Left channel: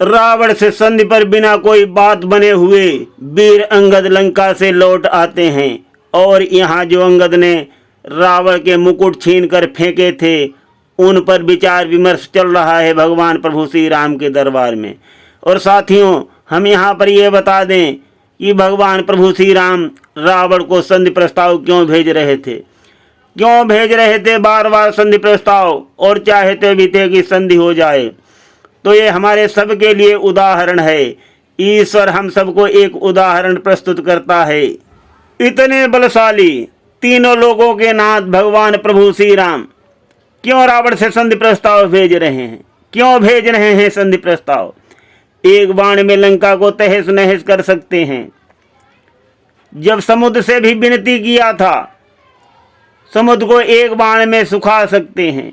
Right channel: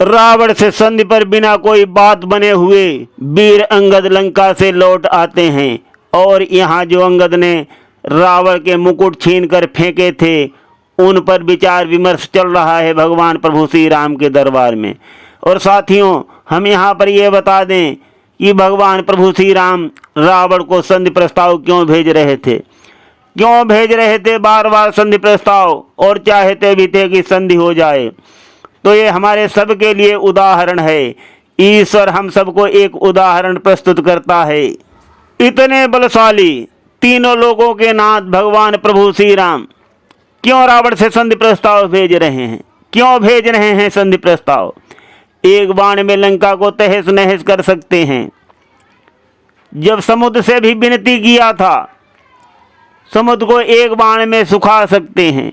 रावण से संधि पर बिना कोई बात बने हुए वीर अंगद लंका से लौट आते हैं और यहाँ जो अंगद ने रावण के मुकुट छीन कर फेंके थे उन पर विचार विमर्श चल रहा है भगवान प्रभु श्री राम के दरबार में। और साथियों, हम यहाँ पर ये बता दें कि भगवान प्रभु श्री राम रावण को संधि प्रस्ताव क्यों भेज रहे थे, क्यों भेज रहे थे बार बार संधि प्रस्ताव, और चाहते भी थे कि संधि हो जाए। तो ये हमारे सब के लिए उदाहरण है। ईश्वर हम सबको एक उदाहरण प्रस्तुत करता है। इतने बलशाली तीनों लोगों के नाथ भगवान प्रभु श्री राम क्यों रावण से संधि प्रस्ताव भेज रहे हैं, क्यों भेज रहे हैं संधि प्रस्ताव? एक बाण में लंका को तहस नहस कर सकते हैं। जब समुद्र से भी विनती किया था, समुद्र को एक बाण में सुखा सकते हैं।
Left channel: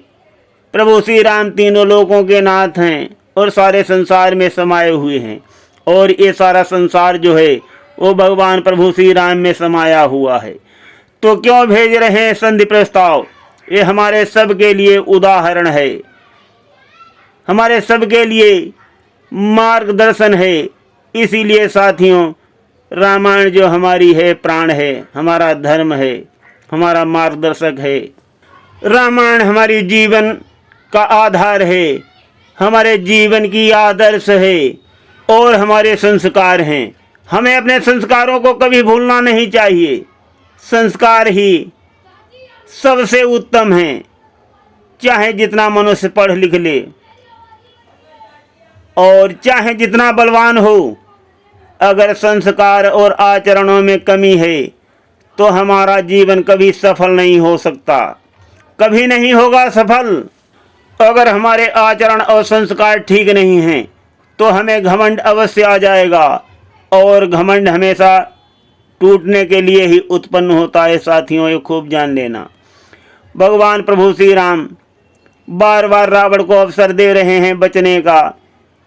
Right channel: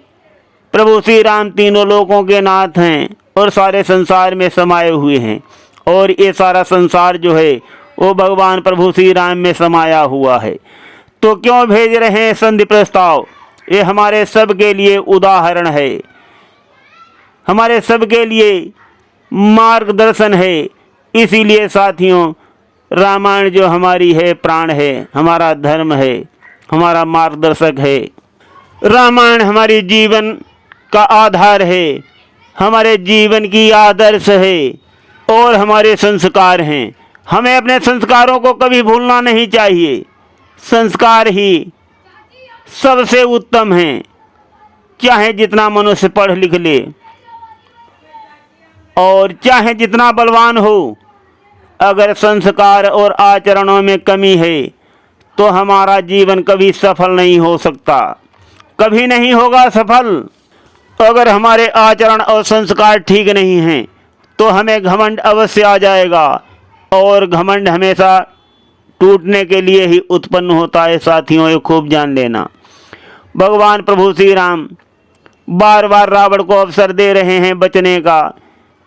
प्रभु श्री राम तीनों लोगों के नाथ हैं और सारे संसार में समाये हुए हैं, और ये सारा संसार जो है वो भगवान प्रभु श्री राम में समाया हुआ है। तो क्यों भेज रहे हैं संधि प्रस्ताव? ये हमारे सब के लिए उदाहरण है, हमारे सब के लिए मार्गदर्शन है। इसीलिए साथियों, रामायण जो हमारी है प्राण है, हमारा धर्म है, हमारा मार्गदर्शक है। रामायण हमारी जीवन का आधार है, हमारे जीवन की आदर्श है और हमारे संस्कार हैं। हमें अपने संस्कारों को कभी भूलना नहीं चाहिए। संस्कार ही सबसे उत्तम है। चाहे जितना मनुष्य पढ़ लिख ले और चाहे जितना बलवान हो, अगर संस्कार और आचरणों में कमी है तो हमारा जीवन कभी सफल नहीं हो सकता, कभी नहीं होगा सफल। अगर हमारे आचरण और संस्कार ठीक नहीं हैं तो हमें घमंड अवश्य आ जाएगा, और घमंड हमेशा टूटने के लिए ही उत्पन्न होता है। साथियों, ये खूब जान लेना। भगवान प्रभु श्री राम बार बार रावण को अवसर दे रहे हैं बचने का।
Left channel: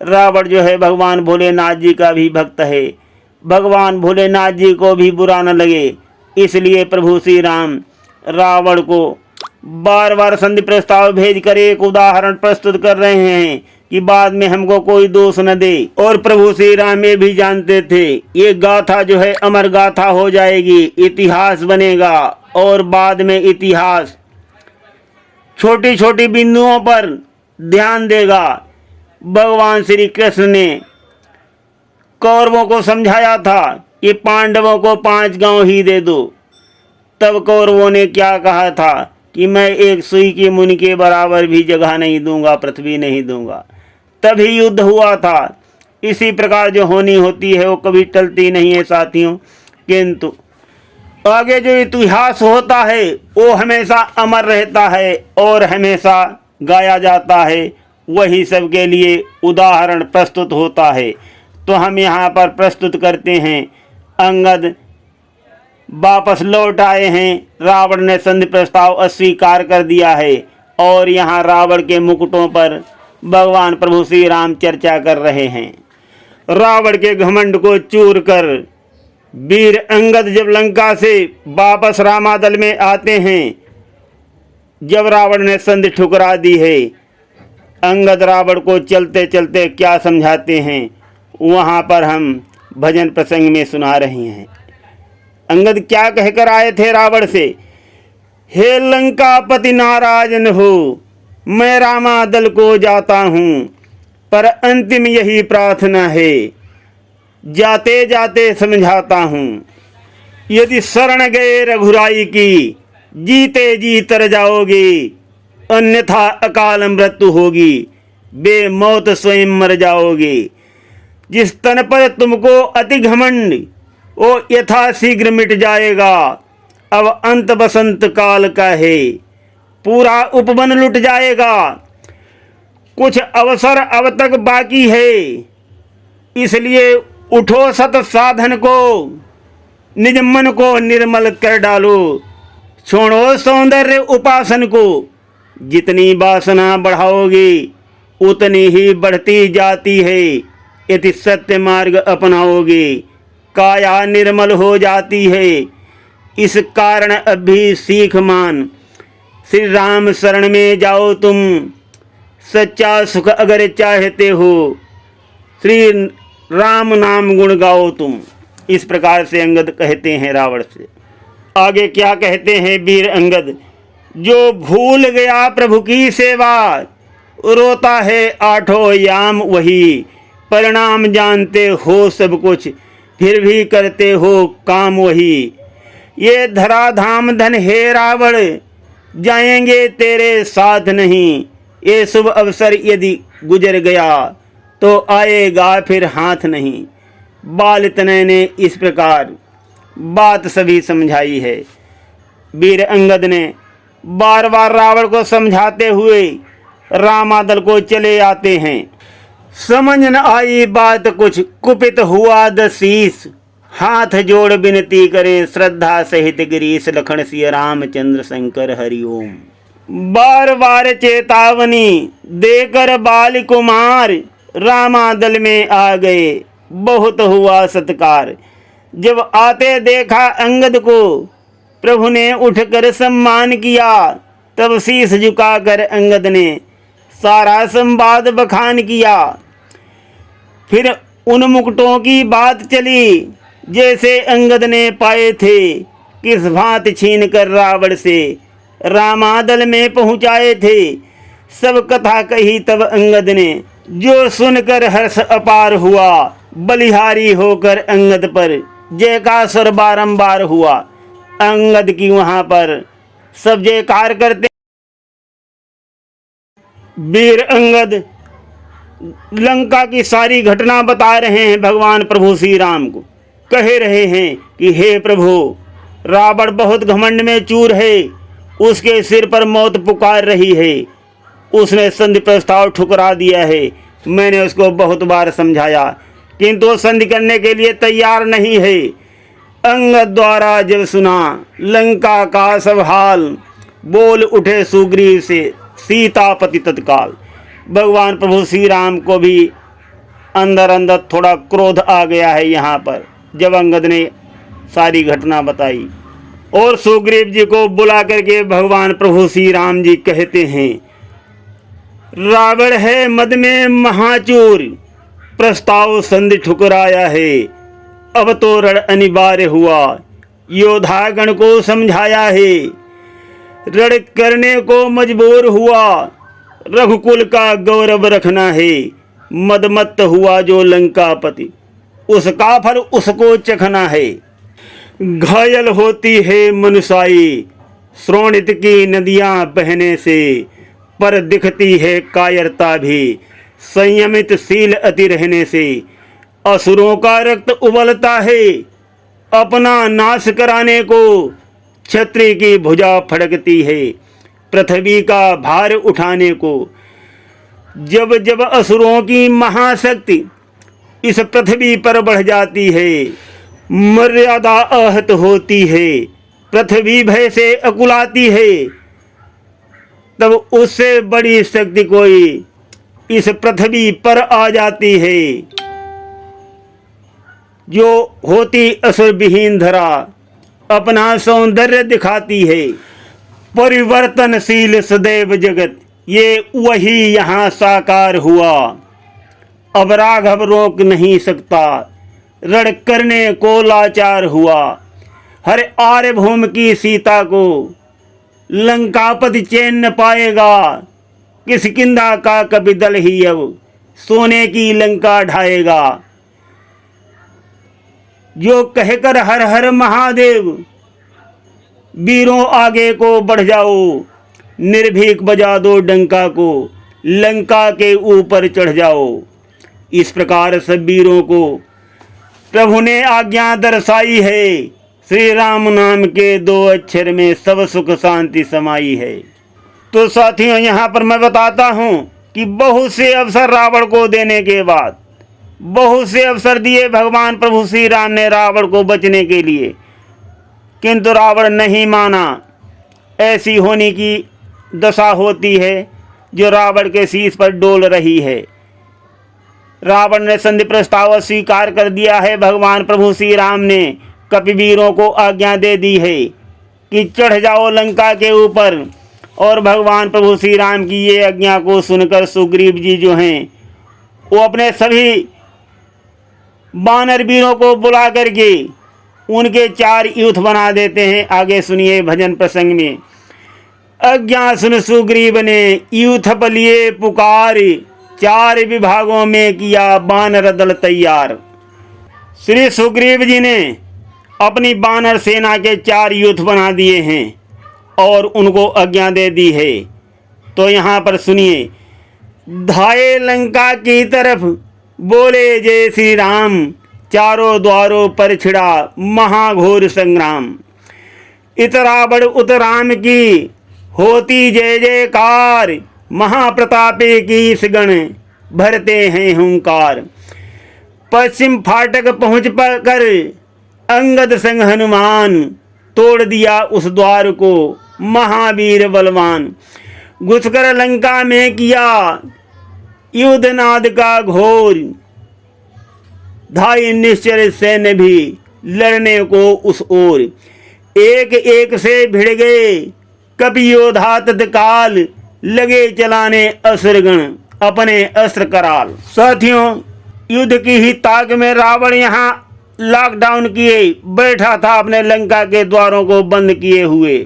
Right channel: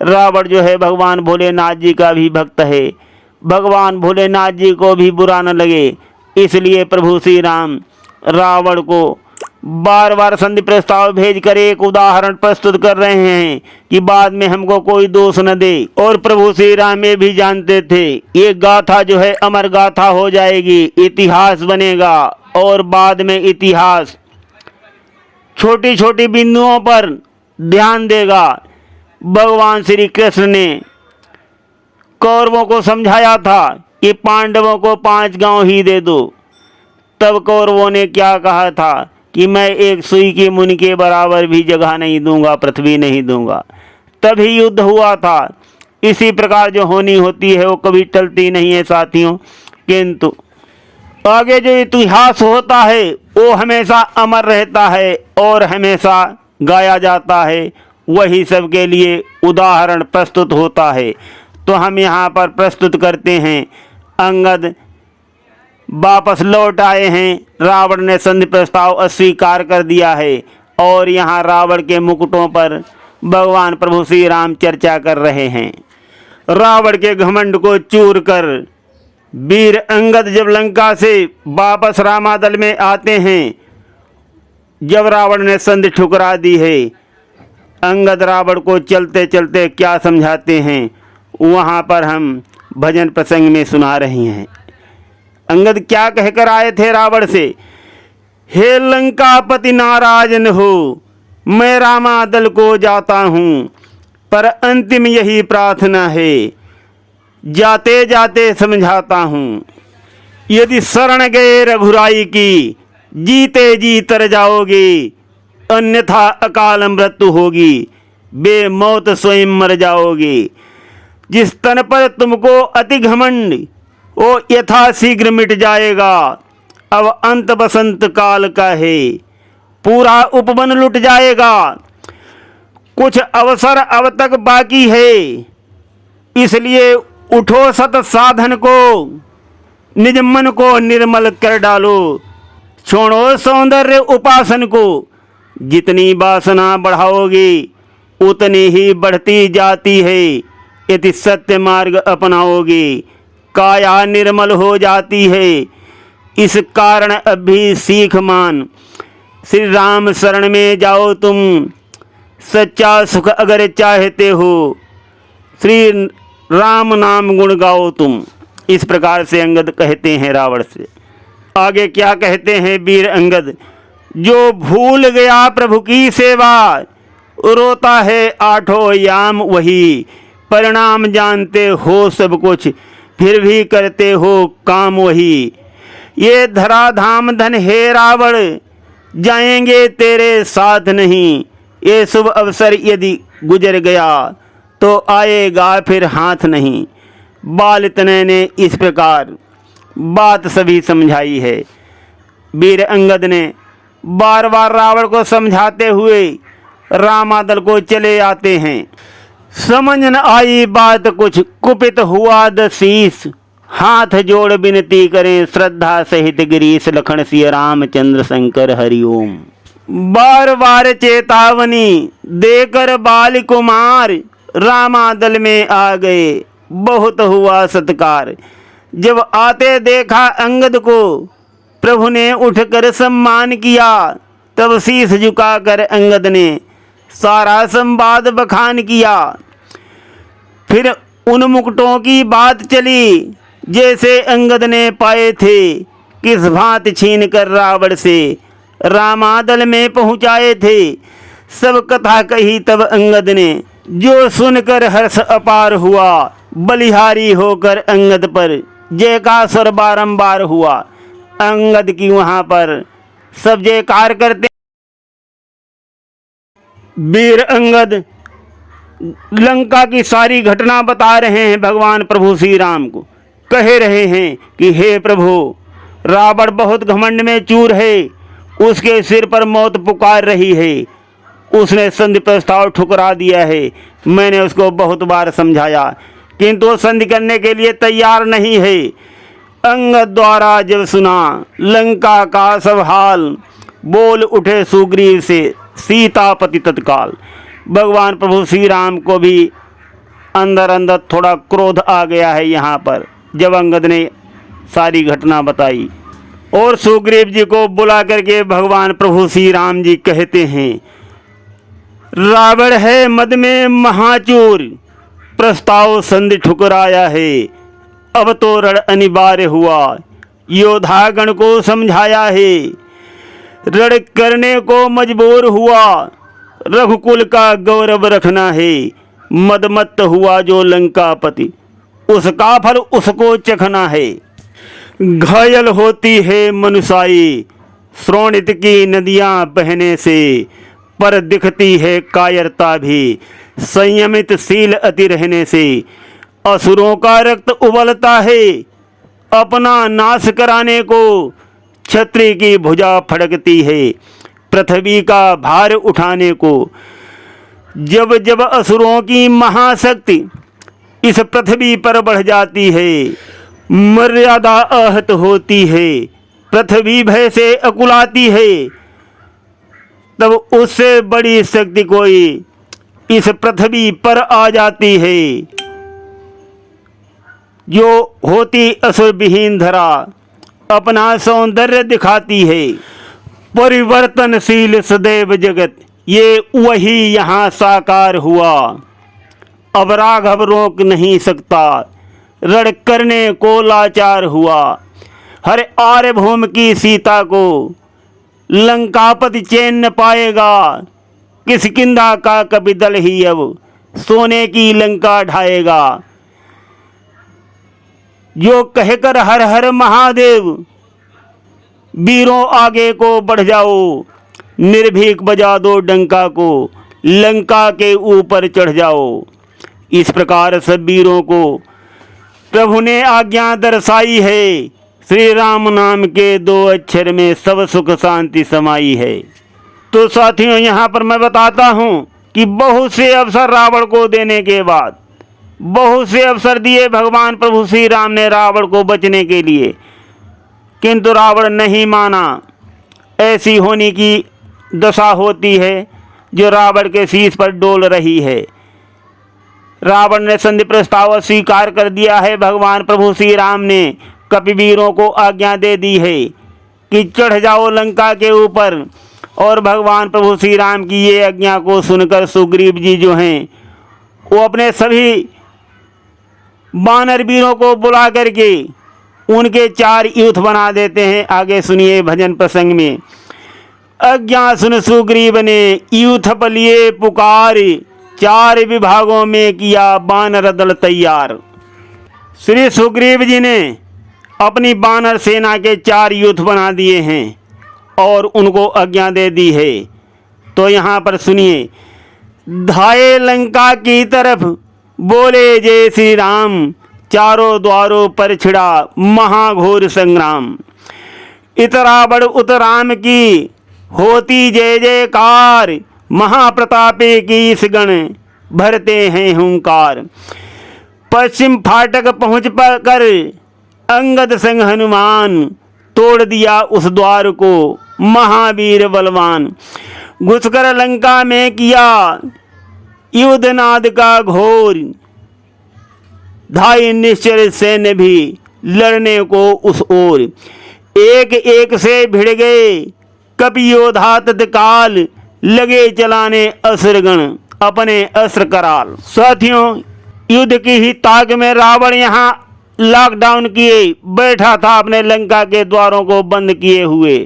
रावण जो है भगवान भोलेनाथ जी का भी भक्त है। भगवान भोलेनाथ जी को भी बुरा न लगे, इसलिए प्रभु श्री राम रावण को बार बार संधि प्रस्ताव भेजकर एक उदाहरण प्रस्तुत कर रहे हैं कि बाद में हमको कोई दोष न दे। और प्रभु श्री राम ये भी जानते थे ये गाथा जो है अमर गाथा हो जाएगी, इतिहास बनेगा, और बाद में इतिहास छोटी छोटी बिंदुओं पर ध्यान देगा। भगवान श्री कृष्ण ने कौरवों को समझाया था कि पांडवों को 5 गांव ही दे दो। तब कौरवों ने क्या कहा था कि मैं एक सुई की मुनि के बराबर भी जगह नहीं दूंगा, पृथ्वी नहीं दूंगा। तभी युद्ध हुआ था। इसी प्रकार जो होनी होती है वो कभी टलती नहीं है साथियों। किंतु आगे जो इतिहास होता है वो हमेशा अमर रहता है और हमेशा गाया जाता है। वही सबके लिए उदाहरण प्रस्तुत होता है। तो हम यहाँ पर प्रस्तुत करते हैं, अंगद वापस लौट आए हैं। रावण ने संधि प्रस्ताव अस्वीकार कर दिया है और यहाँ रावण के मुकुटों पर भगवान प्रभु श्री राम चर्चा कर रहे हैं। रावण के घमंड को चूर कर वीर अंगद जब लंका से वापस रामादल में आते हैं, जब रावण ने संधि ठुकरा दी है, अंगद रावण को चलते चलते क्या समझाते हैं वहाँ पर हम भजन प्रसंग में सुना रहे हैं। अंगद क्या कहकर आए थे रावण से? हे लंकापति नाराज न हो, मैं रामादल को जाता हूँ, पर अंतिम यही प्रार्थना है, जाते जाते समझाता हूँ। यदि शरण गए रघुराई की, जीते जी तर जाओगे, अन्यथा अकाल मृत्यु होगी, बेमौत स्वयं मर जाओगे। जिस तन पर तुमको अति घमंड वो यथा शीघ्र मिट जाएगा। अब अंत बसंत काल का है, पूरा उपवन लुट जाएगा। कुछ अवसर अब तक बाकी है, इसलिए उठो सत साधन को, निज मन को निर्मल कर डालो। छोड़ो सौंदर्य उपासन को, जितनी वासना बढ़ाओगे उतनी ही बढ़ती जाती है। यदि सत्य मार्ग अपनाओगे काया निर्मल हो जाती है। इस कारण अब भी सीख मान, श्री राम शरण में जाओ तुम, सच्चा सुख अगर चाहते हो। श्री राम नाम गुण गाओ तुम। इस प्रकार से अंगद कहते हैं रावण से। आगे क्या कहते हैं वीर अंगद, जो भूल गया प्रभु की सेवा, रोता है आठों याम वही, परिणाम जानते हो सब कुछ, फिर भी करते हो काम वही। ये धरा धाम धन हे रावण, जाएंगे तेरे साथ नहीं, ये शुभ अवसर यदि गुजर गया, तो आएगा फिर हाथ नहीं। बाल तनय ने इस प्रकार बात सभी समझाई है। वीर अंगद ने बार बार रावण को समझाते हुए रामादल को चले आते हैं। समझ न आई बात कुछ, कुपित हुआ दशीस, हाथ जोड़ विनती करे श्रद्धा सहित गिरीश, लखन सिय रामचंद्र शंकर हरिओम। बार बार चेतावनी देकर बाल कुमार, रामादल में आ गए बहुत हुआ सत्कार। जब आते देखा अंगद को, प्रभु ने उठकर सम्मान किया, तब शीश झुकाकर अंगद ने सारा संवाद बखान किया। फिर उन मुकुटों की बात चली, जैसे अंगद ने पाए थे, किस भांति छीन कर रावण से रामादल में पहुँचाए थे। सब कथा कही तब अंगद ने, जो सुनकर हर्ष अपार हुआ, बलिहारी होकर अंगद पर जयकार बारंबार हुआ। अंगद की वहां पर सब जयकार करते। वीर अंगद लंका की सारी घटना बता रहे हैं भगवान प्रभु श्री राम को। कह रहे हैं कि हे प्रभु, रावण बहुत घमंड में चूर है, उसके सिर पर मौत पुकार रही है, उसने संधि प्रस्ताव ठुकरा दिया है। मैंने उसको बहुत बार समझाया, किंतु वो संधि करने के लिए तैयार नहीं है। अंगद द्वारा जब सुना लंका का सब हाल, बोल उठे सुग्रीव से सीतापति तत्काल। भगवान प्रभु श्री राम को भी अंदर अंदर थोड़ा क्रोध आ गया है यहाँ पर, जब अंगद ने सारी घटना बताई। और सुग्रीव जी को बुला करके भगवान प्रभु श्री राम जी कहते हैं, रावण है मद में महाचूर, प्रस्ताव संधि ठुकराया है, अब तो रण अनिवार्य हुआ, योद्धा गण को समझाया है, रण करने को मजबूर हुआ, रघुकुल का गौरव रखना है, मदमत्त हुआ जो लंकापति, उसका फल उसको चखना है। घायल होती है मनुष्याई, श्रोणित की नदियां बहने से, पर दिखती है कायरता भी, संयमित शील अति रहने से। असुरों का रक्त उबलता है, अपना नाश कराने को, क्षत्रिय की भुजा फड़कती है, पृथ्वी का भार उठाने को। जब जब असुरों की महाशक्ति इस पृथ्वी पर बढ़ जाती है, मर्यादा आहत होती है, पृथ्वी भय से अकुलाती है, तब उससे बड़ी शक्ति कोई इस पृथ्वी पर आ जाती है, जो होती असुर विहीन धरा, अपना सौंदर्य दिखाती है। परिवर्तनशील सदैव जगत, ये वही यहाँ साकार हुआ, अब राघव रोक नहीं सकता, रण करने को लाचार हुआ। हर आर्यभूमि की सीता को लंकापति चैन न पाएगा, किष्किंधा का कपि दल ही अब सोने की लंका ढाएगा। जो कहकर हर हर महादेव, वीरों आगे को बढ़ जाओ, निर्भीक बजा दो डंका को, लंका के ऊपर चढ़ जाओ। इस प्रकार सब वीरों को प्रभु ने आज्ञा दर्शाई है। श्री राम नाम के 2 अक्षर में सब सुख शांति समाई है। तो साथियों, यहाँ पर मैं बताता हूँ कि बहुत से अवसर रावण को देने के बाद, बहुत से अवसर दिए भगवान प्रभु श्री राम ने रावण को बचने के लिए, किंतु रावण नहीं माना। ऐसी होने की दशा होती है जो रावण के शीश पर डोल रही है। रावण ने संधि प्रस्ताव स्वीकार कर दिया है। भगवान प्रभु श्री राम ने कपिवीरों को आज्ञा दे दी है कि चढ़ जाओ लंका के ऊपर। और भगवान प्रभु श्री राम की ये आज्ञा को सुनकर सुग्रीव जी जो हैं, वो अपने सभी बानर वीरों को बुला करके उनके 4 यूथ बना देते हैं। आगे सुनिए भजन प्रसंग में। अज्ञा सुन सुग्रीव ने यूथ लिए पुकार, 4 विभागों में किया बानर दल तैयार। श्री सुग्रीव जी ने अपनी बानर सेना के 4 यूथ बना दिए हैं और उनको आज्ञा दे दी है। तो यहाँ पर सुनिए। धाये लंका की तरफ बोले जय श्री राम, चारों द्वारों पर छिड़ा महाघोर संग्राम। इतरा बड़ उतराम की होती जय जयकार, महाप्रतापे की इस गण भरते हैं हुंकार। पश्चिम फाटक पहुँच कर अंगद संग हनुमान, तोड़ दिया उस द्वार को महावीर बलवान। घुसकर लंका में किया युद्ध नाद का घोर, धाई निश्चर सैन्य भी लड़ने को उस ओर। एक एक से भिड़ गए कपि योद्धा तत्काल, लगे चलाने असुरगण अपने अस्त्र कराल। साथियों, युद्ध की ही ताक में रावण यहाँ लॉकडाउन किए बैठा था, अपने लंका के द्वारों को बंद किए हुए,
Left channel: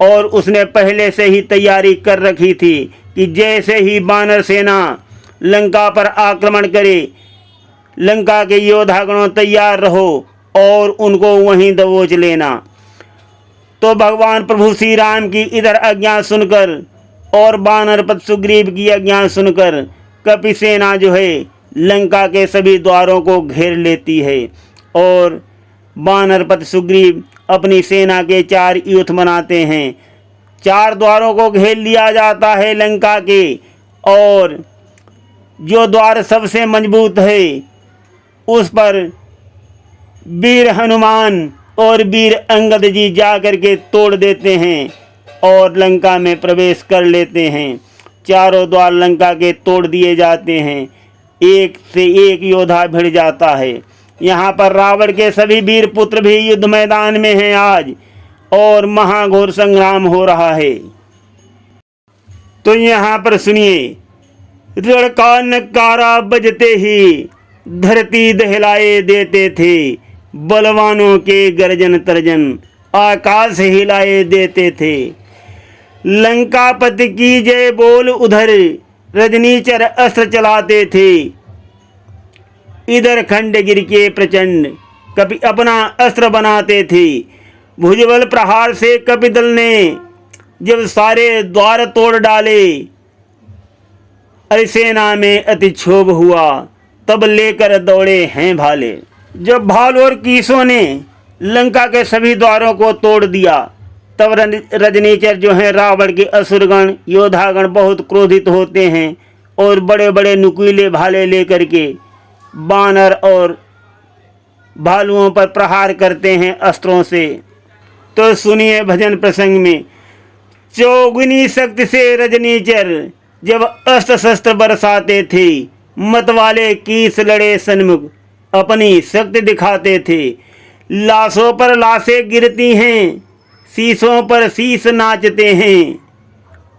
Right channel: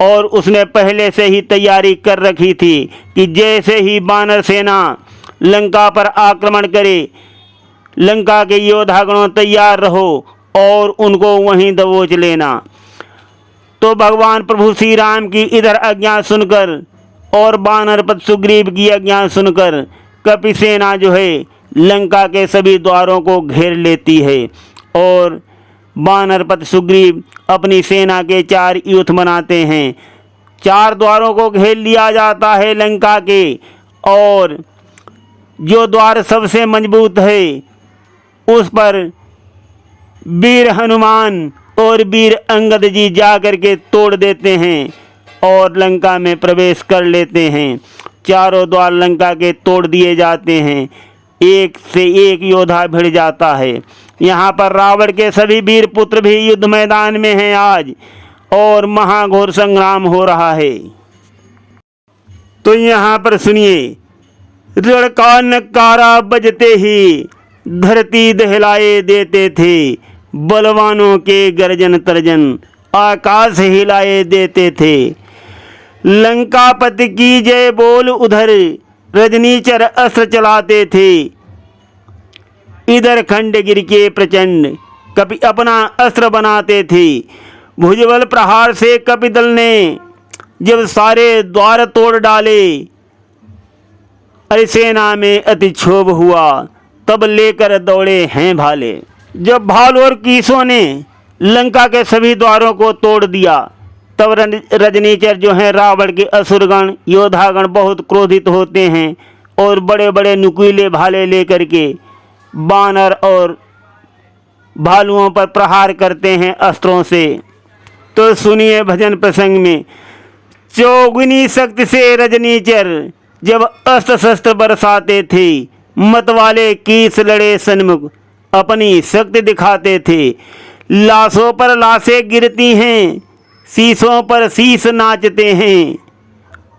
और उसने पहले से ही तैयारी कर रखी थी कि जैसे ही वानर सेना लंका पर आक्रमण करे, लंका के योद्धागणों तैयार रहो और उनको वहीं दबोच लेना। तो भगवान प्रभु श्री राम की इधर आज्ञा सुनकर और वानरपति सुग्रीव की आज्ञा सुनकर कपि सेना जो है लंका के सभी द्वारों को घेर लेती है, और वानरपति सुग्रीव अपनी सेना के 4 यूथ बनाते हैं। 4 द्वारों को घेर लिया जाता है लंका के, और जो द्वार सबसे मजबूत है उस पर वीर हनुमान और वीर अंगद जी जा कर के तोड़ देते हैं और लंका में प्रवेश कर लेते हैं। चारों द्वार लंका के तोड़ दिए जाते हैं, एक से एक योद्धा भिड़ जाता है। यहाँ पर रावण के सभी वीर पुत्र भी युद्ध मैदान में हैं आज, और महाघोर संग्राम हो रहा है। तो यहाँ पर सुनिए। रण का नकारा बजते ही धरती दहलाए देते थे, बलवानों के गर्जन तर्जन आकाश हिलाए देते थे। लंकापति की जय बोल उधर रजनीचर अस्त्र चलाते थे, इधर खंडगिर के प्रचंड कपि अपना अस्त्र बनाते थे। भुजबल प्रहार से कपि दल ने जब सारे द्वार तोड़ डाले, अरे सेना में अति क्षोभ हुआ, तब लेकर दौड़े हैं भाले। जब भाल और कीसों ने लंका के सभी द्वारों को तोड़ दिया, तब रजनीचर जो हैं रावण के असुरगण योद्धागण बहुत क्रोधित होते हैं और बड़े बड़े नुकीले भाले लेकर के बानर और भालुओं पर प्रहार करते हैं अस्त्रों से। तो सुनिए भजन प्रसंग में। चौगुनी शक्ति से रजनीचर जब अस्त्र शस्त्र बरसाते थे, मतवाले कीस लड़े सन्मुख अपनी शक्ति दिखाते थे। लाशों पर लाशें गिरती हैं, शीशों पर शीश नाचते हैं।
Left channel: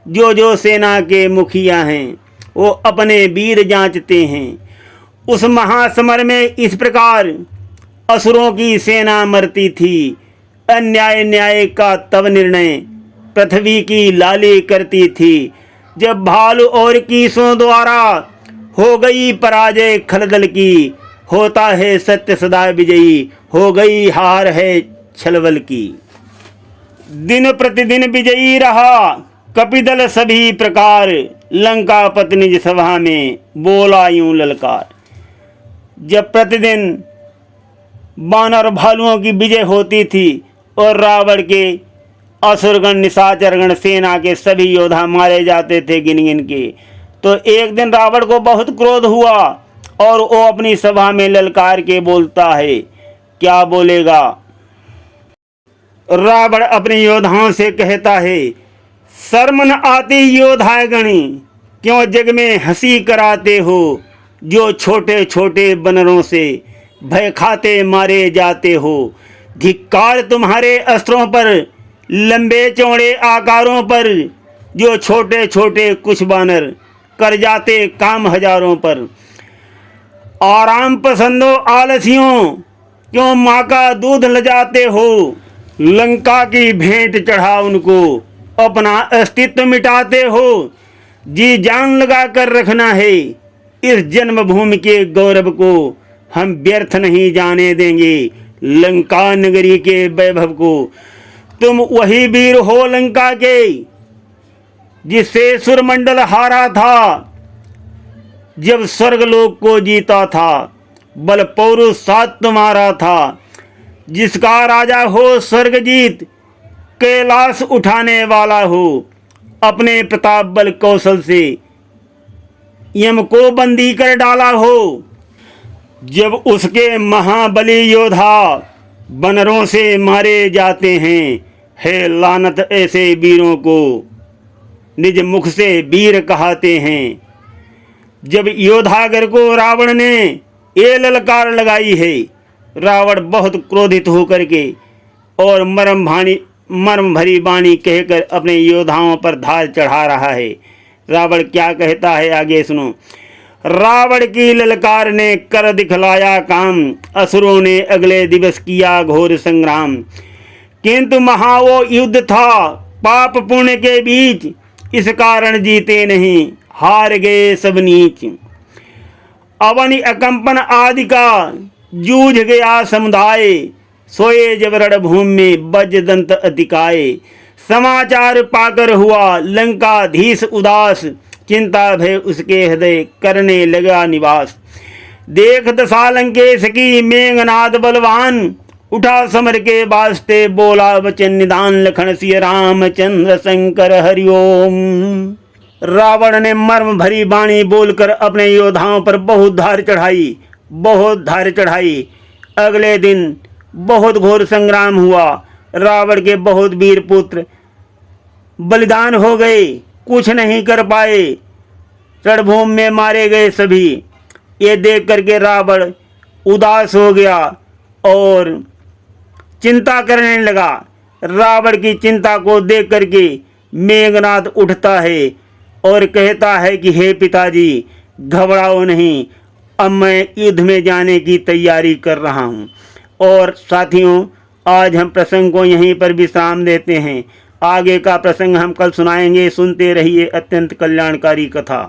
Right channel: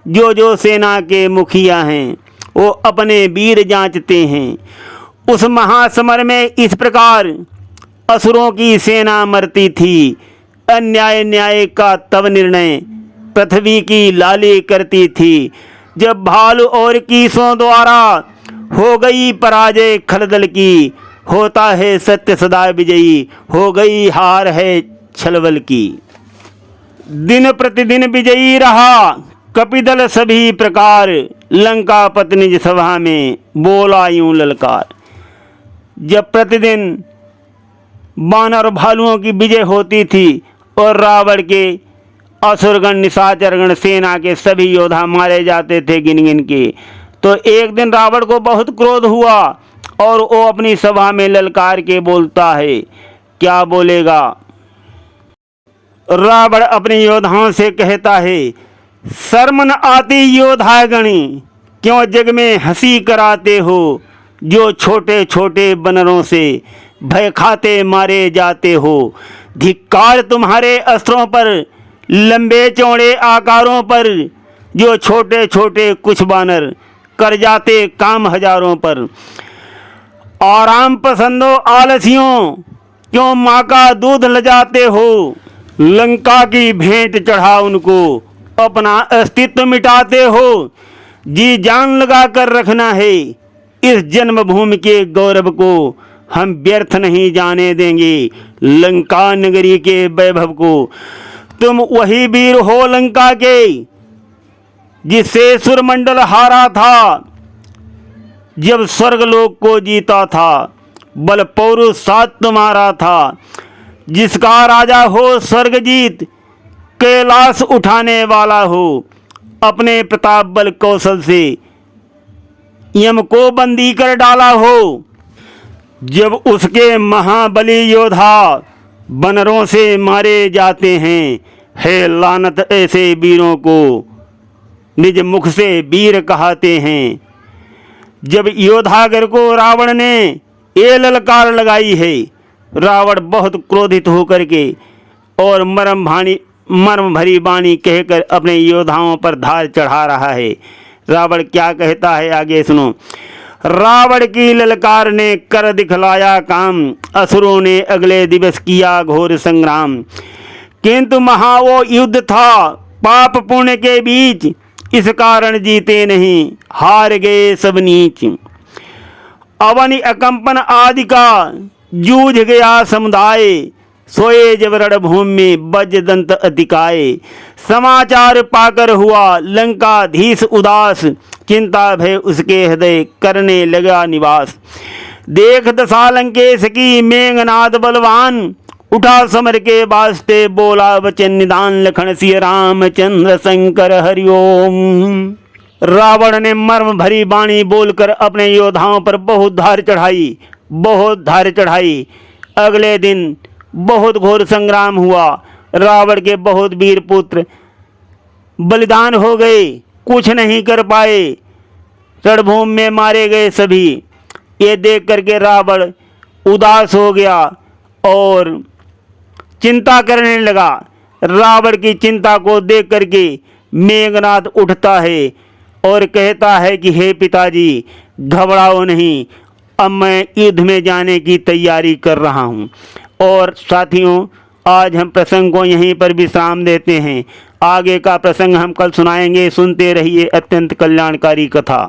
जो सेना के मुखिया हैं वो अपने वीर जांचते हैं। उस महासमर में इस प्रकार असुरों की सेना मरती थी। अन्याय न्याय का तब निर्णय पृथ्वी की लाली करती थी, जब भालू और कीसों द्वारा हो गई पराजय खलदल की। होता है सत्य सदा विजयी, हो गई हार है छलबल की। दिन प्रतिदिन विजयी रहा कपिदल सभी प्रकार, लंका पत्नी सभा में बोला यूं ललकार। जब प्रतिदिन बानर और भालुओं की विजय होती थी और रावण के असुरगण निशाचरगण सेना के सभी योद्धा मारे जाते थे गिन गिन के, तो एक दिन रावण को बहुत क्रोध हुआ और वो अपनी सभा में ललकार के बोलता है। क्या बोलेगा? रावण अपने योद्धाओं से कहता है, शर्म न आती योद्धागणी, क्यों जग में हंसी कराते हो? जो छोटे छोटे बनरों से भय खाते मारे जाते हो। धिक्कार तुम्हारे अस्त्रों पर, लंबे चौड़े आकारों पर, जो छोटे छोटे कुछ बानर कर जाते काम हजारों पर। आराम पसंदो आलसियों, क्यों माँ का दूध लजाते हो। लंका की भेंट चढ़ा उनको, अपना अस्तित्व मिटाते हो। जी जान लगा कर रखना है, इस जन्मभूमि के गौरव को हम व्यर्थ नहीं जाने देंगे। लंका नगरी के वैभव को, तुम वही वीर हो लंका के, जिससे सुरमंडल हारा था, जब स्वर्गलोक को जीता था। बल पौरुष साथ तुम्हारा था, जिसका राजा हो स्वर्गजीत, कैलाश उठाने वाला हो। अपने प्रताप बल कौशल से यम को बंदी कर डाला हो। जब उसके महाबली योद्धा बनरों से मारे जाते हैं, है लानत ऐसे वीरों को, निज मुख से वीर कहते हैं। जब योद्धागर को रावण ने ये ललकार लगाई है, रावण बहुत क्रोधित होकर के और मर्म भरी वाणी कहकर अपने योद्धाओं पर धार चढ़ा रहा है। रावण क्या कहता है आगे सुनो। रावण की ललकार ने कर दिखलाया काम, असुरों ने अगले दिवस किया घोर संग्राम। किंतु महा वो युद्ध था पाप पुण्य के बीच, इस कारण जीते नहीं, हार गए सब नीच। अवनि अकंपन आदि का जूझ गया समुदाय, सोए जब रणभूमि में वज्रदंत अतिकाय। समाचार पाकर हुआ लंकाधीश उदास, चिंता भय उसके हृदय करने लगा निवास। देख दशा लंकेश की मेघनाद बलवान, उठा समर के वास्ते बोला वचन निदान। लखन सिय रामचंद्र शंकर हरिओम। रावण ने मर्म भरी वाणी बोलकर अपने योद्धाओं पर बहुत धार चढ़ाई। अगले दिन बहुत घोर संग्राम हुआ। रावण के बहुत वीर पुत्र बलिदान हो गए, कुछ नहीं कर पाए, रणभूमि में मारे गए सभी। ये देख करके रावण उदास हो गया और चिंता करने लगा। रावण की चिंता को देख करके मेघनाद उठता है और कहता है कि हे पिताजी, घबराओ नहीं, अब मैं युद्ध में जाने की तैयारी कर रहा हूँ। और साथियों, आज हम प्रसंग को यहीं पर विश्राम देते हैं। आगे का प्रसंग हम कल सुनाएंगे। सुनते रहिए अत्यंत कल्याणकारी कथा।